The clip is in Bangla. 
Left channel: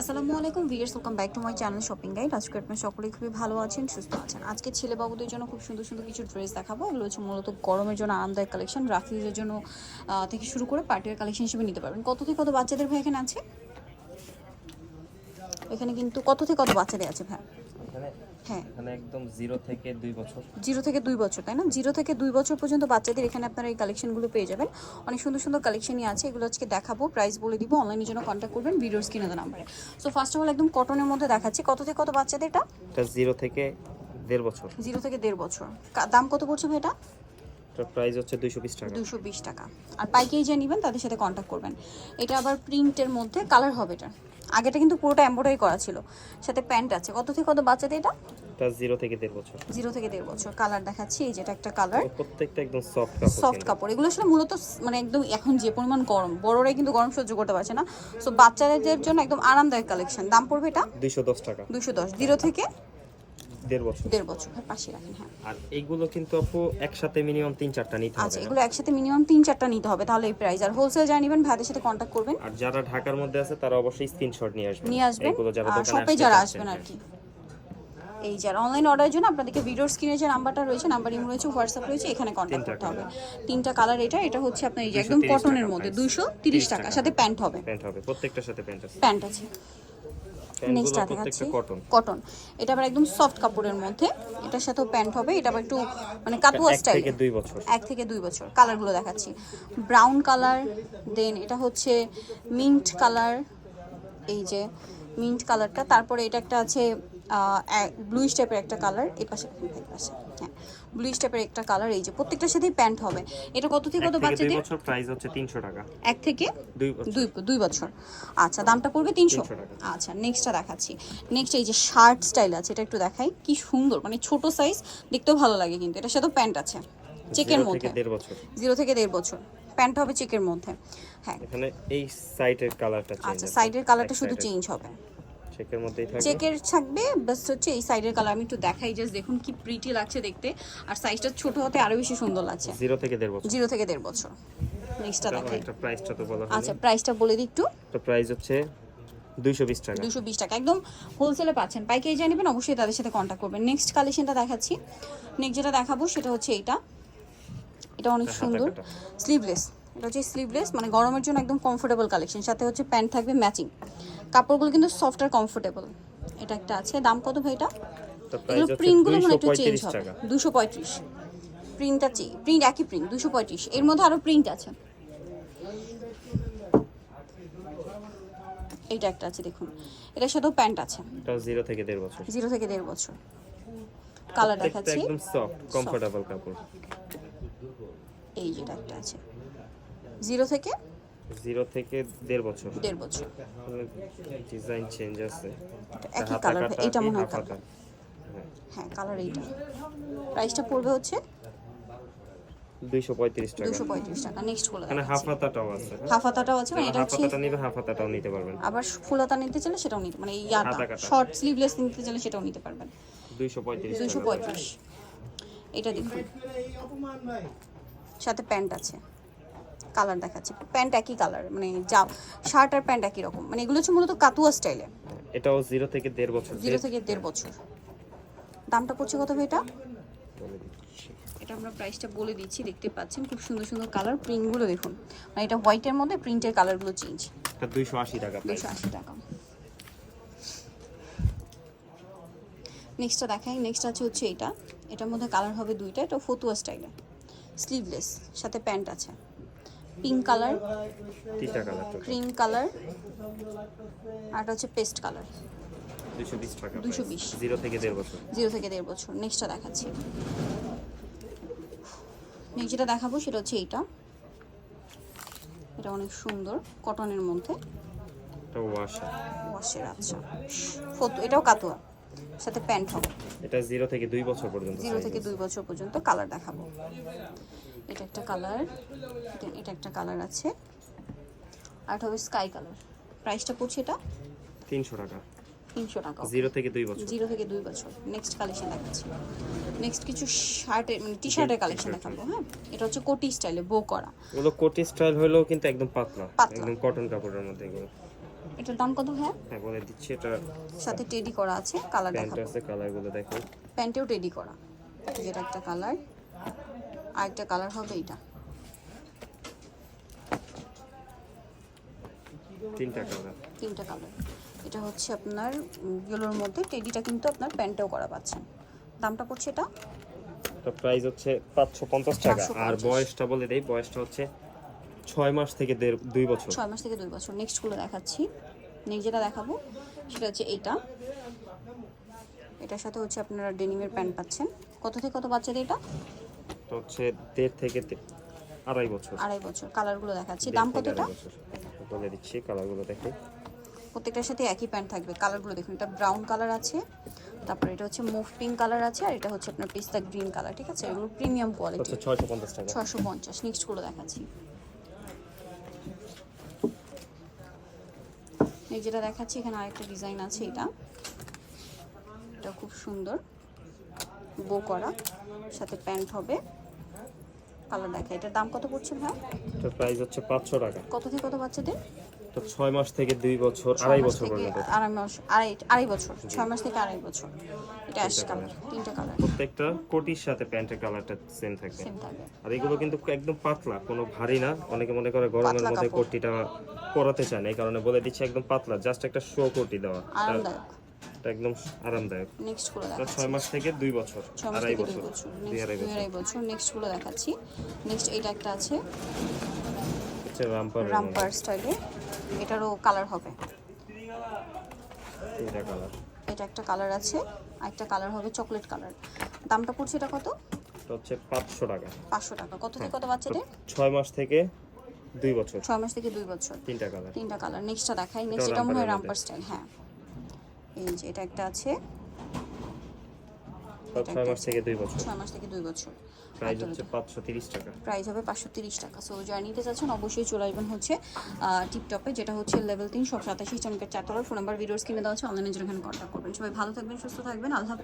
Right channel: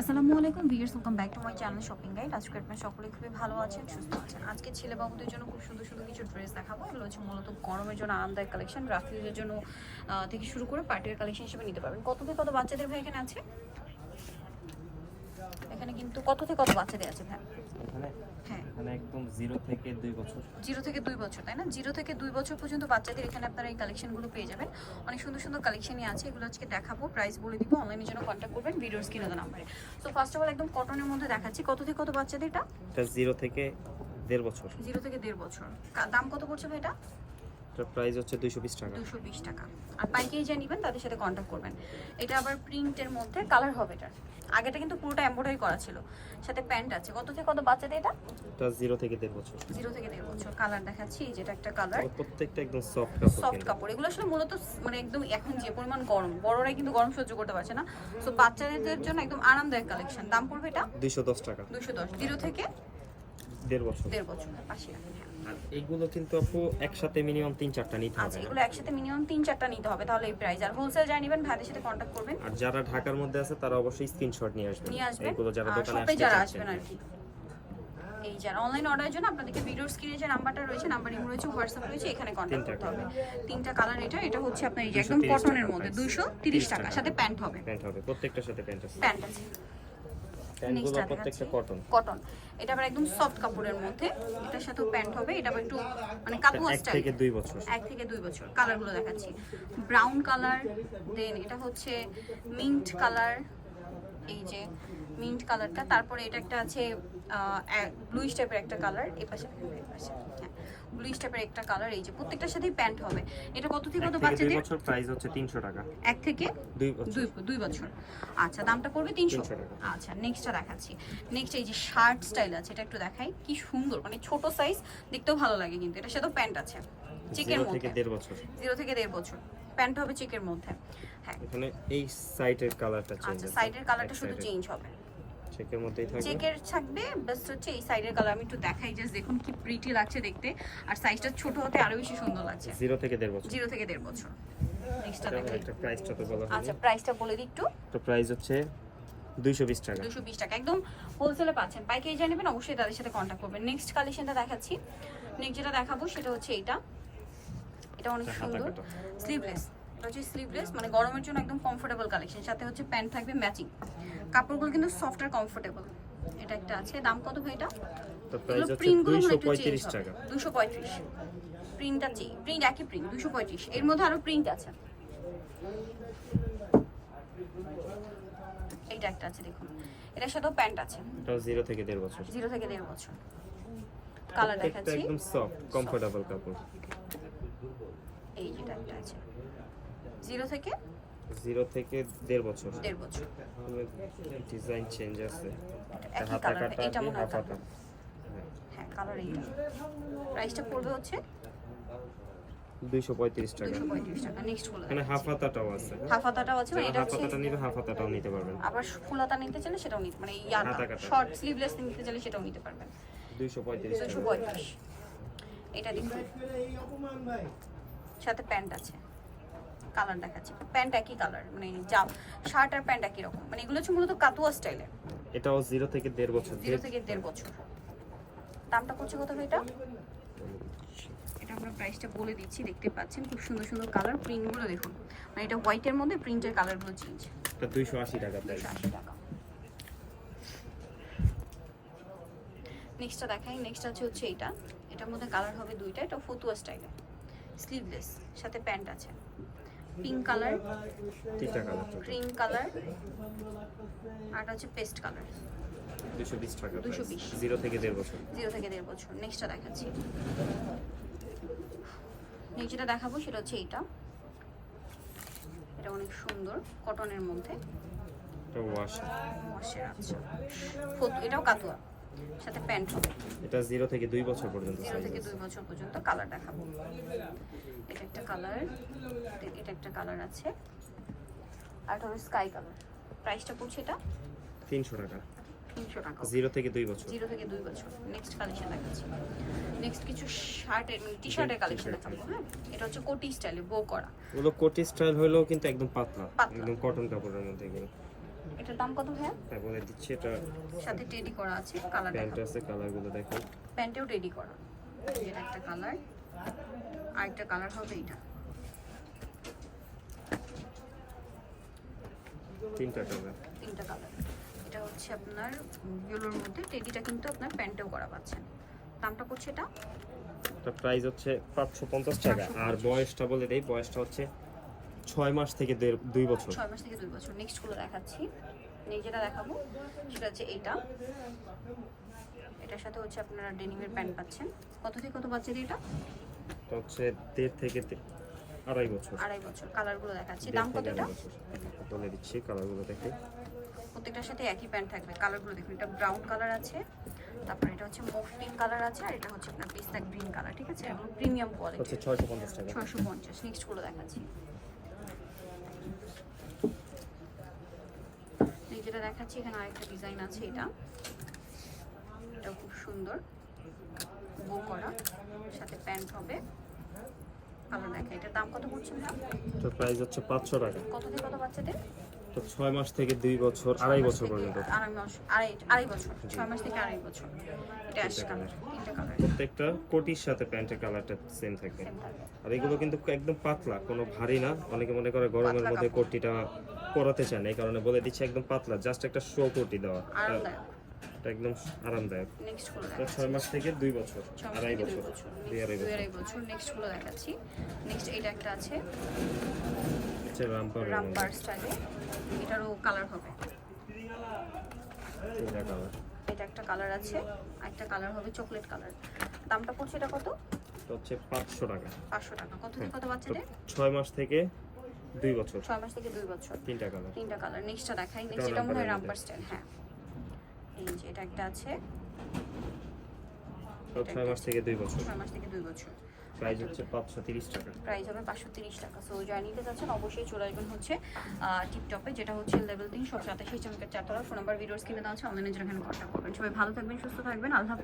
আসসালামু আলাইকুম viewers welcome back to my channel shopping guide আজকে আপনার সকলেই খুবই ভালো আছেন, সুস্থ আছেন। আজকে ছেলে বাবুদের জন্য খুব সুন্দর সুন্দর কিছু ড্রেস দেখাবো। এগুলো হচ্ছে মূলত গরমের জন্য আরামদায়ক কালেকশন রাফিজের জন্য থেকে শুরু করে পার্টির কালেকশন হিসেবে নিতে পারবেন। কত থেকে কত বাচ্চাদের ভাই এখানে আছে? এখানে কিন্তু কত থেকে কত বাচ্চাদের আছে ভাই? হ্যাঁ। এখানে একদম জিরো থেকে দুই বছর। জিরো থেকে দুই বছর তাই না? জিরো থেকে দুই বছর পর্যন্ত বাচ্চাদের এখানে আপনারা এই কালেকশনগুলো পেয়ে যাবেন। অনেক সুন্দর সুন্দর কালেকশনই আছে এগুলো আজকে দেখাবো প্রাইস বলে দিব অনলাইনের জন্য কন্ট্যাক্ট করবেন ভিডিওস কিনে দেন সো ফার্স্ট অফ অল একদম কটনের মধ্যে দেখাচ্ছি কত থেকে কত বাচ্চাদের এটা? এটা জিরো থেকে দেড় বছর। জিরো থেকে দেড় বছর। দাম কত পড়ছে এটা? এটার প্রাইস হচ্ছে দুইশো বিশ টাকা। দুশো বিশ টাকা। আর পাইকারি যে নেবেন তাদের সাথে কন্ট্যাক্ট করবেন। এটা আবার প্রিন্টের মধ্যে কালার হবে এটা। আগেটা কিন্তু পুরোটা এমব্রয়ডারি করা ছিল। সাথে প্যান্ট আছে। কত থেকে কত বাচ্চাদের এটা? এটা জিরো থেকে দেড় বছর। জিরো থেকে দেড় বছর। কালার দেখাচ্ছি এই যেটা একটা কালার প্রত্যেকটা একদম সফট কাপড় সফট কাপড়। এগুলো আসলে মূলত মানে একদম এখন যে পরিমাণ গরম বড়রাই কিন্তু গরম সহ্য করতে পারছে না। সো বাচ্চাদের জন্য একদম আরামদায়ক কালেকশন দাম পড়বে এটা? দুইশো দশ টাকা। দুশো দশ। জিরো থেকে দেড় বছর। দেড় বছর পাশে রাখেন হ্যাঁ। আর এইগুলো কিন্তু আপু একসাথে মিনিমাম তিন চারটা নিতে হবে আচ্ছা এগুলো একসাথে মিনিমাম তিন চারটা নিতে হবে তাহলে এই প্রাইস আর হোলসেল যা নেবেন ভাইদের সাথে কন্ট্যাক্ট করবেন। আর যারা ঢাকার মধ্যে আছে তারা অবশ্যই স্ক্রিনশট নিয়ে আসবেন। নিয়ে আসবেন। এইগুলো যারা দোকানে শপে যারা আসবেন আর হ্যাঁ। কি। এই যারা অনলাইন অর্ডারের জন্য আপনাদেরকে ভিডিওর স্ক্রিনে যে নাম্বারটা রয়েছে নাম্বার ইমো রয়েছে হোয়াটসঅ্যাপ রয়েছে এখানে কন্ট্যাক্ট করতে হবে। তিনটা কালার এটা এটা হচ্ছে আপনার এই যে একদম কটনের মধ্যে দুইশো তিরিশ 30 টাকা টাকা। সাথে প্যান্ট হবে। প্যান্ট হবে প্রত্যেকটার সাথে প্যান্ট আছে। প্যান্ট আছে। নেক্সট কটন এটা আবার একদম সফট কাপড়ের মধ্যে। এটার সাথেও প্যান্ট হবে এটা আবার একটু মানে কাতুয়া এক স্টাইল থেকে দুই বছর। এক থেকে দুই বছর কালারগুলো দেখাচ্ছি। ব্রাউন কালার দেন এটা হচ্ছে মিন্ট কালার এই যে মিন্ট কালারটা তারপরে এটা একটা আছে ব্লুইশ টাইপের একটা কালার এই পাশে এই পাশে হ্যাঁ। ব্লুইশ টাইপের একটা কালার এই যে প্রত্যেকটার সাথেই প্যান্ট হবে। এটা কত থেকে কত বাচ্চাদের? বছর প্রাইস হচ্ছে তিনশো টাকা। এক থেকে দুই বছর। দুই বছর। আচ্ছা দামটা পড়বে তিনশো? 300 টাকা। আচ্ছা নেক্সটটা দেখাচ্ছি। নেক্সট এই যে শার্ট স্টাইল আছে এটা একটু দেখাই। কি সুন্দর মানে ছোট সাইজ দেখতেও ভালো লাগে কিন্তু। এটার সাথে প্যান্ট আছে। চেকের মধ্যে। জিরো থেকে দেড় বছর। প্যান্ট হবে চেকের মধ্যে। হ্যাঁ। এখানে এই সাইডের কালারটা চেঞ্জ আচ্ছা সাইডের কালারটা শুধু চেঞ্জ হবে। চেকের মধ্যেই থাকবে। চেকের থাকবে বেস্ট হচ্ছে এই সাইডের কালার আমি একটু দেখাই জাস্ট দেখুন কি প্রিটি লাগছে দেখতে। আর সাইজটা ছোট হতে আরও বেশি সুন্দর লাগছে। জিরো থেকে দেড় বছর। জিরো থেকে দেড় বছর। নেক্সটটা দেখাই। একটা প্রাইসটা তো বলা হয়নি। আচ্ছা প্রাইসটা বলে দিই একটু। তো প্রাইস হচ্ছে দুইশো বিশ টাকা। দুশো বিশ টাকা। একদম হোলসেলে পাচ্ছেন। পাইকারি যা নেবেন অবশ্যই তাদের সাথে কন্ট্যাক্ট করবেন। নেক্সট কালেকশনটা দেখাচ্ছি। নেক্সট যেটা দেখাবো সেটা হচ্ছে এটা এটা অনেক সুন্দর। স্লিভলেস এটা হচ্ছে স্লিভলেস মানে গরমের জন্য একদম কমফোর্টেবল কালেকশন সাথে হচ্ছে প্যান্ট থাকবে ম্যাচিং কাপড়গুলো কিন্তু সফট আর কমফোর্টেবল এটা একটা আছে। দাম কত ভাই এটা? প্রিন্টগুলো একটু চেঞ্জ হবে। দুশো পঁয়ত্রিশ। প্রিন্টটা প্রিন্ট একই প্রিন্ট দুশো পঁয়ত্রিশ। এর মধ্যে আরও প্রিন্ট আছে। এটা একটা আছে দেখুন। এটার সাথেও প্যান্ট আছে। থেকে দেড় বছর। জিরো থেকে দেড় বছর। কালার দেখাচ্ছি। একদম সফট কমফোর্টেবল কাপড় এই যেটা একটা আছে জিরো থেকে? জিরো থেকে দেড় বছর। দেড় বছর। ডিজাইন চেঞ্জ আছে। হাতা কাটা এটা মনে হয় হ্যাঁ। হ্যাঁ কালার এইটা প্রাইসটা পড়বে হচ্ছে? দুইশো পঁয়ত্রিশ টাকা। দুশো পঁয়ত্রিশ টাকা। নেক্সট ফুল এখানে হাফ হাতাটাও আছে হ্যাঁ? হাফ হাতাটাও আছে মানে যারা এটা হাফ হাতাটা নিবে হাফ হাতাটাও নিতে পারবেন। আবার ফুল হাতা নিতে চাইলে সেটাও নিতে মানে ইয়াটা। শর্ট স্লিভলেস নিতে চাইলে সেটাও নিতে পারবেন। দুইশো পঁয়ত্রিশ দুশো টাকা পঁয়ত্রিশ। এটা দেখুন। সাথে প্যান্ট আছে। কালার দেখাচ্ছে। প্যান্ট একই কালার মানে যা শার্ট আর প্যান্ট একই রকম। মানে এগুলো হচ্ছে মূলত কাতুয়া স্টাইলে। এটাও জিরো থেকে দেড় বছর। জিরো থেকে দেড় বছর। দামটা পড়ছে কত ভাই এটা? এটা আমরা প্রাইসটা বলে দিচ্ছি দেখতে পাচ্ছেন খুব সুন্দর সুন্দর কালার প্রিন্টগুলো দেখুন। আর এটা হোয়াইটের মধ্যে প্রিন্টের কালারগুলো চেঞ্জ এটা দুইশো আশি টাকা প্রাইস দুশো আশি টাকা। নেক্সটটা দেখাই নেক্সট আছে হচ্ছে এটা। এটার মধ্যে কালার হবে দুইটা এটা ফতুয়া স্টাইলে। স্লিভলেস সাথে প্যান্ট আছে। Pink colour. তিনটা কালার ক্রিম কালার। আর এটা হচ্ছে পেস্ট কালার। দুইশো বিশ টাকা 220 জিরো থেকে দেড় বছর। জিরো থেকে দেড় বছর। নেক্সটটা দেখাচ্ছি। যেটা দেখাবো সেটা হচ্ছে এইটা। এটা অনেক সুন্দর কটনের মধ্যে। এটা ওয়াশ ওয়াশের আছে ফটো এটাও কাতুয়া সাথে প্যান্ট হবে। এটা জিরো থেকে দুই বছর পর্যন্ত জিরো থেকে দুই বছর পর্যন্ত কালার দেখাবো। এটা একটা কালার। এটা একটা কালার আছে। আর এটা হবে স্কাই কালার। প্রাইসটা পড়ছে এটা তিনশো টাকা। তিনশো টাকা। জিরো থেকে দুই বছর। জিরো থেকে দুই বছর। নেক্সট কালেকশন দেখাচ্ছি। নেক্সট কিছু শার্টের টি শার্টের কালেকশন দেখাবো হ্যাঁ? এটা হচ্ছে কোটি স্টাইলে বো করা। এগুলো কোটি স্টাইল হলেও কিন্তু একদম পাতলা। একদম কটন কাপড়ের মধ্যে এগুলো। এটার দাম কত হ্যাঁ হ্যাঁ বলে দিচ্ছি এটা সাথে টেডি করা আছে কালার প্যান্ট আছে কালারগুলো দেখো। প্যান্টেও টেডি করা। যেটা একটা কালার আরেকটা কালার হবে এটা তিনটা কালার তিনটা কালার এটা হচ্ছে আপনার ইয়েলোর মধ্যে। টেডিটা কিন্তু আপনার প্যান্টেও করা পাচ্ছেন। দামটা পড়ছে এটা? এটা প্রাইস হচ্ছে পাঁচশো পঞ্চাশ টাকা। আর 550 বয়সটা বলে দেই বয়সটা হচ্ছে ছয় মাস থেকে দেড় দুই বছর। ছয় মাস থেকে দুই বছর। নেক্সটগুলো দেখাচ্ছি। নেক্সট যেটা দেখাবো সেটা হচ্ছে এটা এটার সাথে হচ্ছে আপনারা ডেনিমের প্যান্ট পাচ্ছেন। কত থেকে কত বাচ্চাদের এটা? এটা হচ্ছে দেড় থেকে আড়াই বছর। আড়াই বছর কালারগুলো দেখাচ্ছি। দাম কত বলে দিচ্ছি কালারগুলো দেখে। প্রত্যেকটার সাথে একই প্যান্ট থাকবে। কালারগুলো দেখুন এটা ব্রাউন কালার আছে তারপরে এটা হচ্ছে মুভ পিঙ্ক কালার আছে আর এটা হচ্ছে আপনার পিস্তা গ্রিন কালার ঠিক আছে? এগুলো প্রিমিয়াম কোয়ালিটি। ছয়শো পঞ্চাশ টাকা। ছশো পঞ্চাশ নেক্সটগুলো দেখাচ্ছি। এই যেটা দেখাচ্ছি এখানে আরেকটা ডিজাইন আছে এটা। এটা খুব সুন্দর। বো করা। সাথে প্যান্ট হবে। কালার দেখা এটার দাম কত পড়ছে ভাই? তো প্রাইস হচ্ছে পাঁচশো টাকা। কত থেকে কত বাচ্চাদের তো ছয় মাস থেকে দুই বছর আড়াই বছর পর্যন্ত। আড়াই মাস আড়াই আড়াই বছর ছয় মাস থেকে আড়াই বছর। এটা অ্যাশ কালার তিনটা কালার প্রত্যেকটা কোটির সাথে প্যান্টের কালারটা সেম থাকবে। আর এগুলো কিন্তু একদম পাতলা কোনো ভারী না। অনেকে মনে করে গরমের মধ্যে কোটিটা পরাতে চায় না এই কারণে বলে দিচ্ছি একদম পাতলা জাস্ট একটা শো কোটি দেওয়া। আরামদায়ক। এটা একদম আরামদায়ক। নেক্সটগুলো এটা দেখাচ্ছি। ছয় মাস থেকে দুই বছর ছ মাস আড়াই বছর দুই দুই আড়াই Next, বছর আড়াই বছর নেক্সটগুলো দেখাচ্ছি। নেক্সট এটা একটা আছে। রামপারের মধ্যে রামপার স্টাইলে এটারও কালার হবে। তিনটা কালার এটা একটা কালার আছে আর একটা কালার হবে চকলেট কালার দামটা পড়ছে এটা কত? এটা হচ্ছে পাঁচশো টাকা। পাঁচশো টাকা। কত থেকে কত তো বাচ্চাদের? ছয় মাস থেকে দুই বছর। ছয় মাস থেকে দুই বছর। তিনটা কালার তিনটা কালার নেক্সটটা দেখাই। নেক্সট এটা মনে হয় রামপার স্টাইল হ্যাঁ। এই যে এটা একটা আছে। ছয় মাস থেকে দুই বছর। ছয় মাস থেকে দুই বছর। প্রাইস হচ্ছে পাঁচশো তিরিশ টাকা। প্রাইস হবে পাঁচশো তিরিশ টাকা। সো যারা নিতে চাচ্ছেন অবশ্যই চলে আসবেন হচ্ছে টিপটপে যেটা হচ্ছে লেভেল তিন সব সাতাশি চামকের চারতলার ফোন নাম্বার ভিডিওস কিনে দেওয়া আছে অনলাইনে জন্য কন্ট্যাক্ট করবেন। সবাই ভালো থাকবেন সুস্থ থাকবেন। আল্লাহ